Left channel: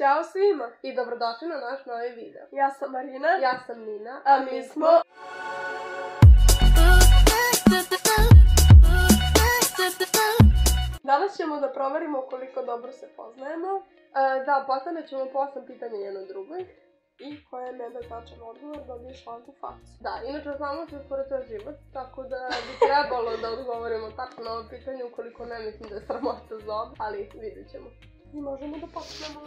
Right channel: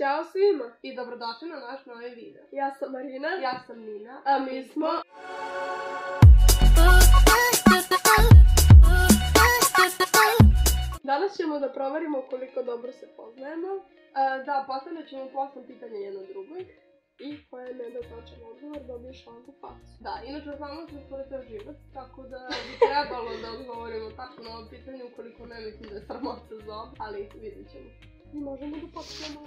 Ćao svima i dobrodošli na naš novi video. Ja sam Marina. Ja sam Nina. A mi smo... Danas ćemo da proverimo koliko dobro se poznajemo. Da, postavljat ćemo po 8 pitanja jedno drugoj. I koje ne da tačan odgovor, dobiješ šlanku facu. Da, inače znamo se skoro ceo život, tako da bi trebalo da odgovorimo tačno na ovo pitanje, ukoliko ne mislim da je sramota zob, ali vidit ćemo. I možemo da počnemo.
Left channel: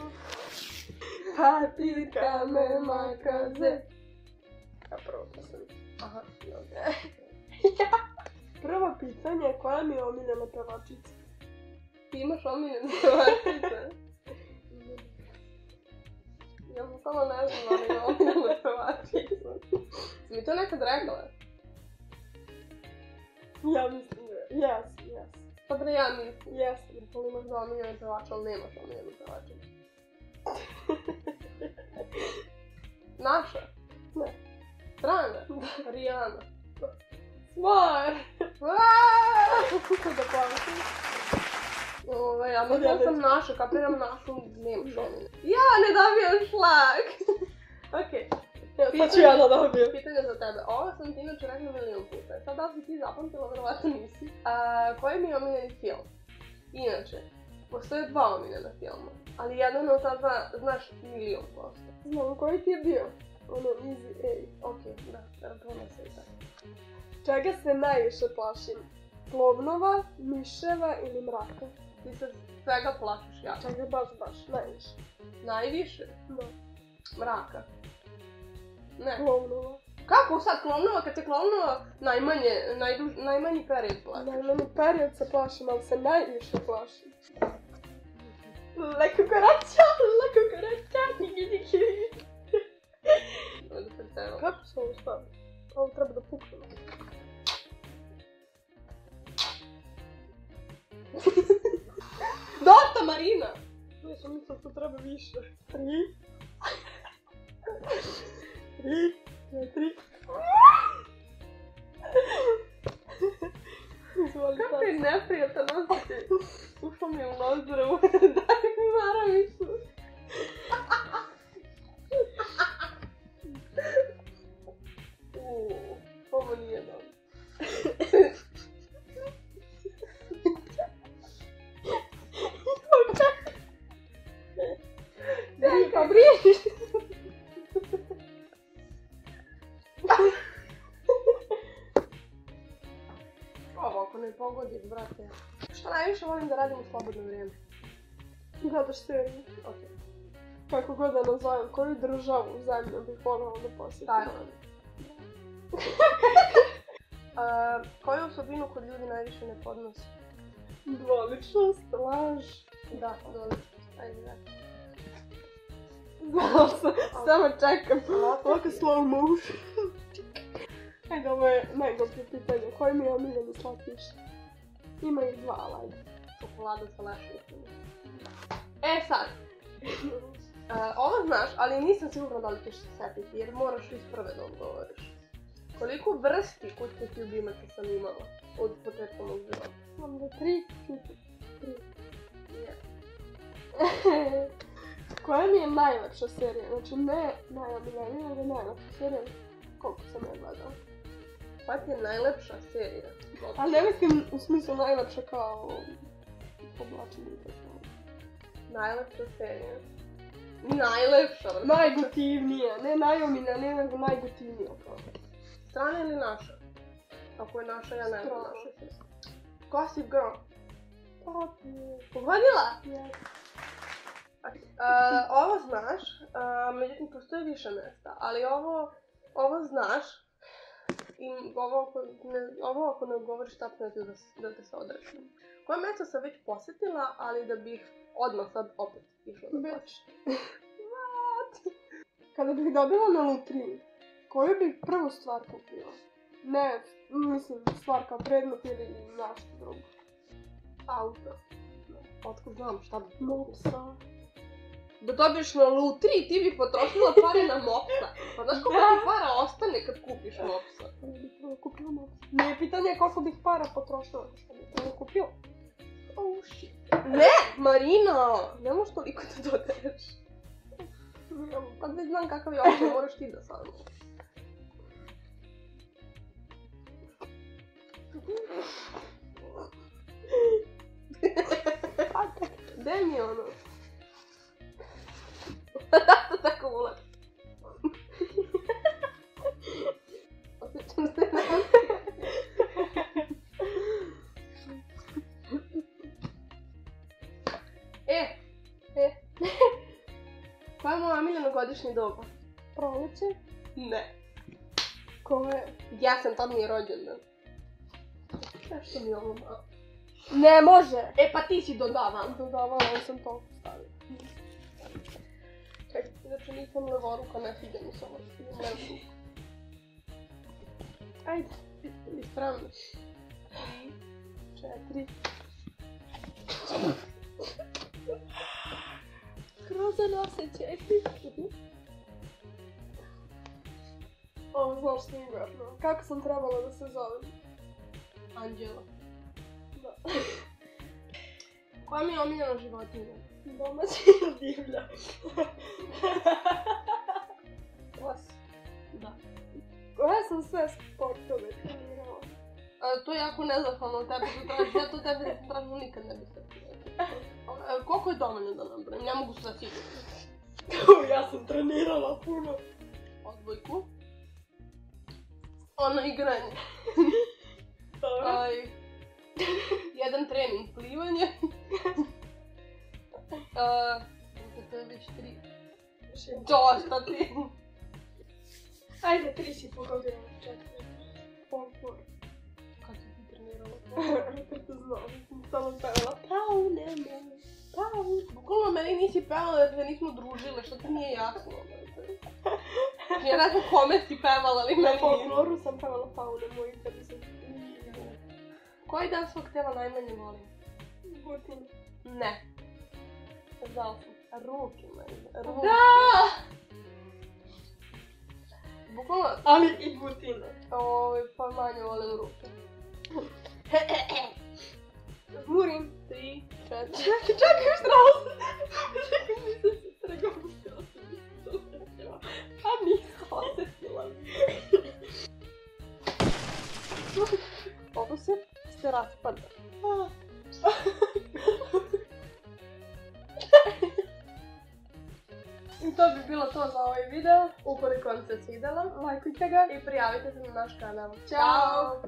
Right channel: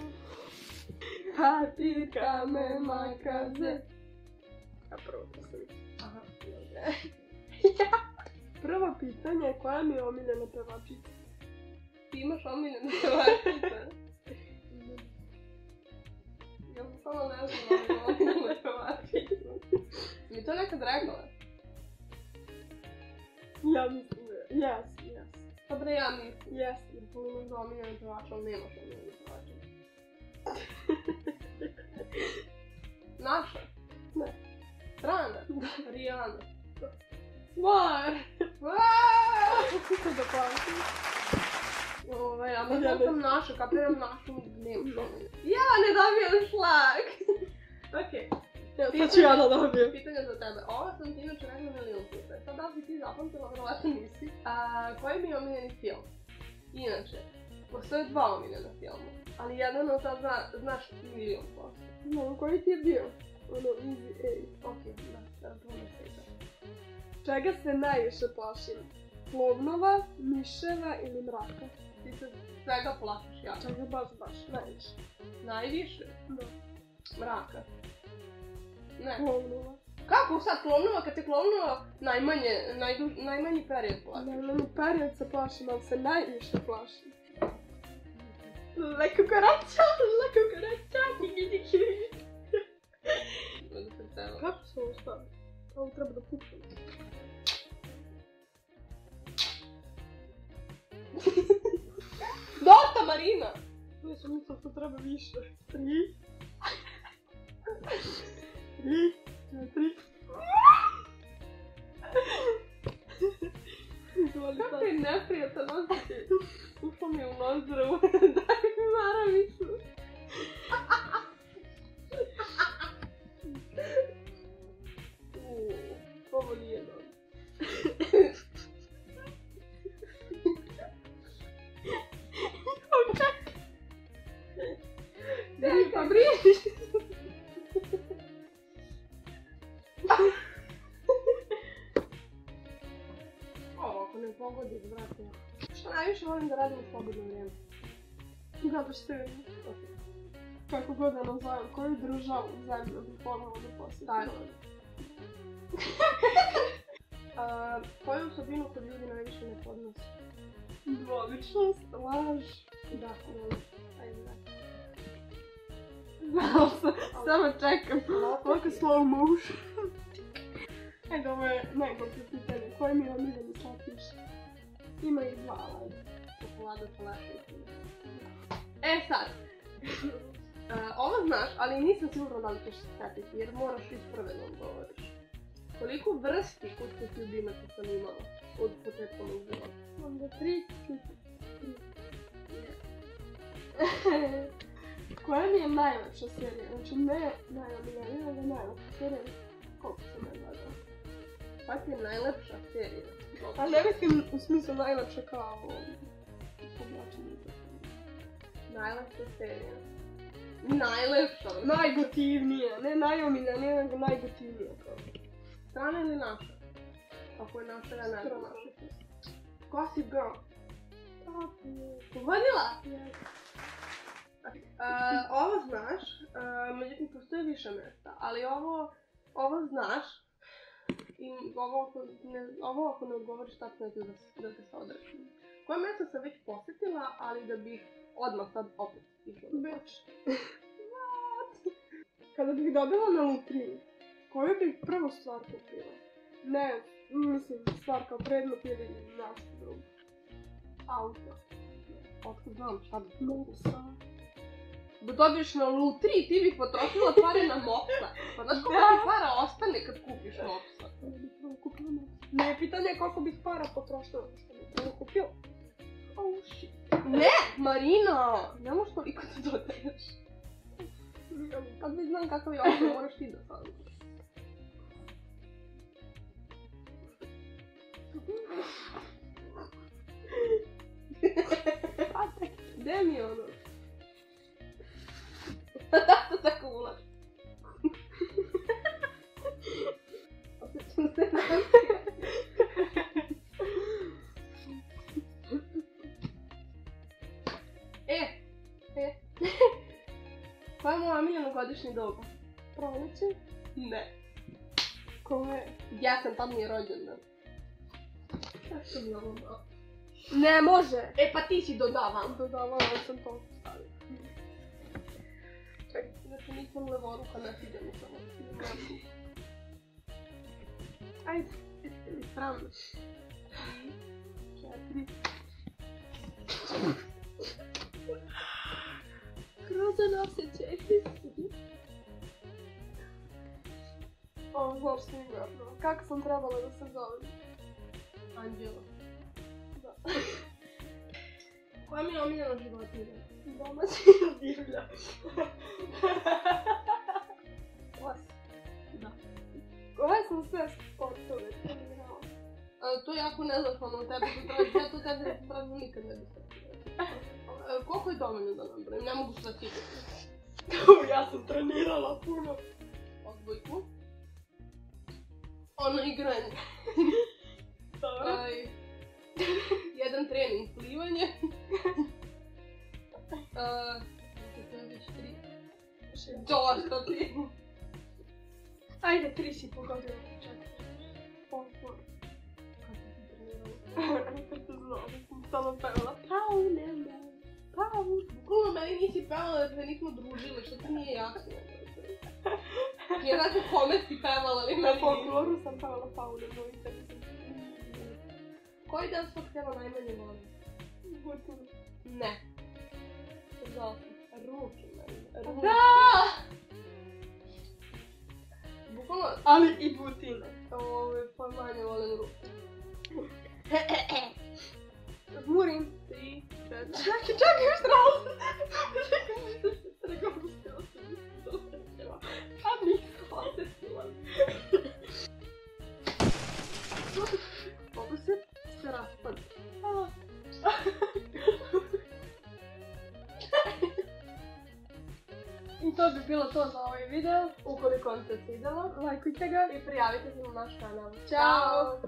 Patika me makaze. Ja prvo postavim. Aha, dobro. Prvo pitanje, koja mi je omiljena pevačica? Ti imaš omiljene pevačice? Ja sam samo ne znam, ali imam omiljene pevačice. Si mi to nekad rekla? Ja mislim da je. Yes. Dobro, ja mislim. Yes. Jer to imaš za omiljene pevače, ali nemaš omiljene pevačice. Naša? Ne. Strana? Rihanna. Smart! Kako da plaćam? Ja mislim sam naša, kapiram našu, nemaš omiljene. Ja ne dobijam šlag! Okej. Sad ću ja da dobijem. Pitanje za tebe. Ovo sam ti inače rekla milion puta. Sad da li si ti zapamtila, verovatno nisi. Koji mi je omiljeni film? Inače, postoje dva omiljena filma. Ali jedan od ta dva znaš milion posto. Znam, koji ti je bio? Ono, Easy 8. Okej, da, računam se i tako. Čega se najviše plašim? Klovnova, miševa ili mraka? Ti se svega plašiš jako. Čega baš, najviše? Najviše? Da. Mraka. Ne. Klovnova. Kako sad klovnova, kad te klovnova najmanji period plašiš? Najmanji period se plašim, ali se najviše plašim. La cucaracha, Kako se ovo stavi? Ovo treba da puknemo. Dosta, Marina! Ja sam mislila da treba više. 3, 4... Kako je neprijatan osjećaj? Ušla mi je u nozdru. Daj mi maramicu. Ovo nije dobro. Daj, pa briješ! Ovo ako ne pogodiš, brate. Šta najviše volim da radim u slobodno vrijeme? Gledaš seriju. Kako god da nazovem, koju državu zemlju bih voljela da posjetim? Tajland. Koju osobinu kod ljudi najviše ne podnosi? Dvoličnost, laž. Da, dvoličnost. Ajde, da. Znala sam, samo čekam. Ovako slow motion. Ajde, ovo je najgore pitanje. Koji mi je omiljeni slatkiš? Ima ih dva, ali ajde. Čokolada sa lešnicom. Sad. Ovo znaš, ali nisam sigurna da li ćeš se setiti, jer moraš iz prve da odgovoriš. Koliko vrsti kućnih ljubimaca sam imala od početka mog života? Onda 3. Koja mi je najlepša serija? Znači ne najomiljenija, nego najlepša serija. Koliko sam ja gledala? Koja ti je najlepša serija? Ali ne mislim u smislu najlepša kao povlačenje. Najlepša serija. Najlepša? Najgotivnija, ne najomiljenija, nego najgotivnija. Strana ili naša? Ako je naša, ja ne znam naša. Gossip Girl. Pogodila? Yes. Ovo znaš, međutim postoje više mjesta, ali ovo znaš i ovo ako ne odgovoriš tačno da te se odrešim. Koje mjesto sam već posjetila, ali da bih odmah sad opet išla da posjetim? What? Kada bih dobila na lutriji, koju bih prvu stvar kupila? Ne, mislim stvar kao predmet ili nešto drugo. Auto. Otkud znam šta bih Mopsa. Da dobiješ na lutriji, ti bih potrošila pare na mopsa. Pa znaš koliko ti para ostane kad kupiš mopsa? Ne bih prvo kupila mopsa. Ne, pitanje je koliko bih para potrošila što bih prvo kupila. Oh shit. Ne, Marina! Ne možeš toliko da dodaješ. znam kakav je ovo, moraš ti da saznaš. Gde mi je ono? Da to tako ulaš. Osjećam se na... Koja je moja omiljena godišnji doba? Proleće? Ne. Koje? Jesen, tad mi je rođendan. Zašto mi je ovo malo? Ne može! E pa ti si dodavan. Dodavala sam to stavila. Čekaj, znači nisam levoruka, ne sviđa mi se ovo. Ajde, ispravno. 4. Grozan osjećaj. O, znaš sigurno. Kako sam trebala da se zovem? Anđela. Da. Koja mi je omiljena životinja? Domaći divlja. Vas. Da. Koje sam sve sportove trenirala? To je jako nezahvalno od tebe, ja to tebe pravno nikad ne bih se. Koliko je dovoljno da nabrojim? Ne mogu sve sigurno. Ja sam trenirala puno. Odbojku. Ono igranje. Dobro. Jedan trening plivanje. To je već 3. Dosta ti. Ajde, 3 si pogodila. 4. Folklor. Kad si ti trenirala? Kad se zove, sam samo pevala. Pravo nema. Pravo. Bukvalno meni nisi pevala jer se nismo družile, što ti nije jasno. Ja ne znam kome si pevala, ali Na meni nije. folkloru sam pevala Paule moj interesant. Koji dan svog tela najmanje volim? Butin. Ne. Znala sam. Ruke meni. Ruke. Da! Bukvalno, Ali i butine. pa manje volim ruke. Žmurim. 3, 4. Čekaj, još tralo. Čekaj, nisam se pregopustila. A nisam osjetila. Ovo se raspada. I to bi bilo to za ovaj video. Ukoliko vam se svidjelo, lajkujte ga i prijavite se na naš kanal. Ćao!